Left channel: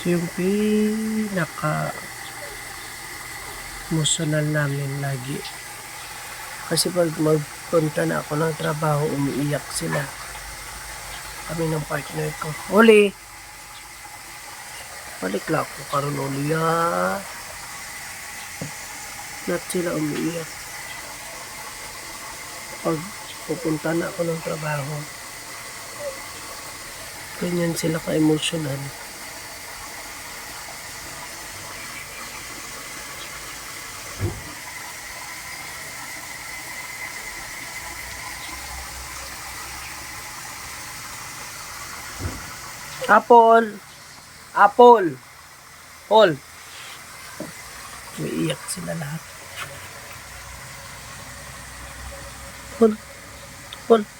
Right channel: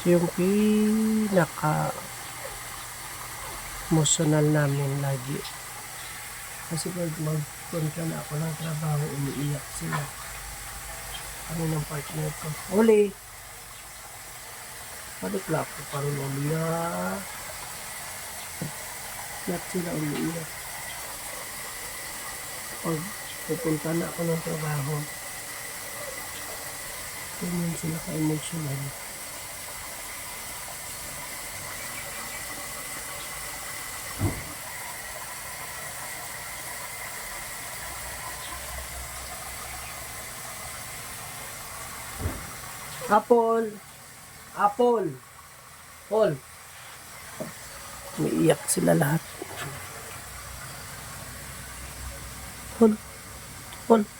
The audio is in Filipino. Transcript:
So, yung pinaka emotional namin lagi. Kasi pag magpunta na ako ng trabaho, umiiyak sila. Kami ng partner ko. Uli! Balik lang ako karon uli ah. Lahat sila umiiyak. Pag pupunta na ako ng trabaho, ganyan sila ka-emotional. Apple! Apple! Paul! Umiiyak sila lahat. Paul! Paul!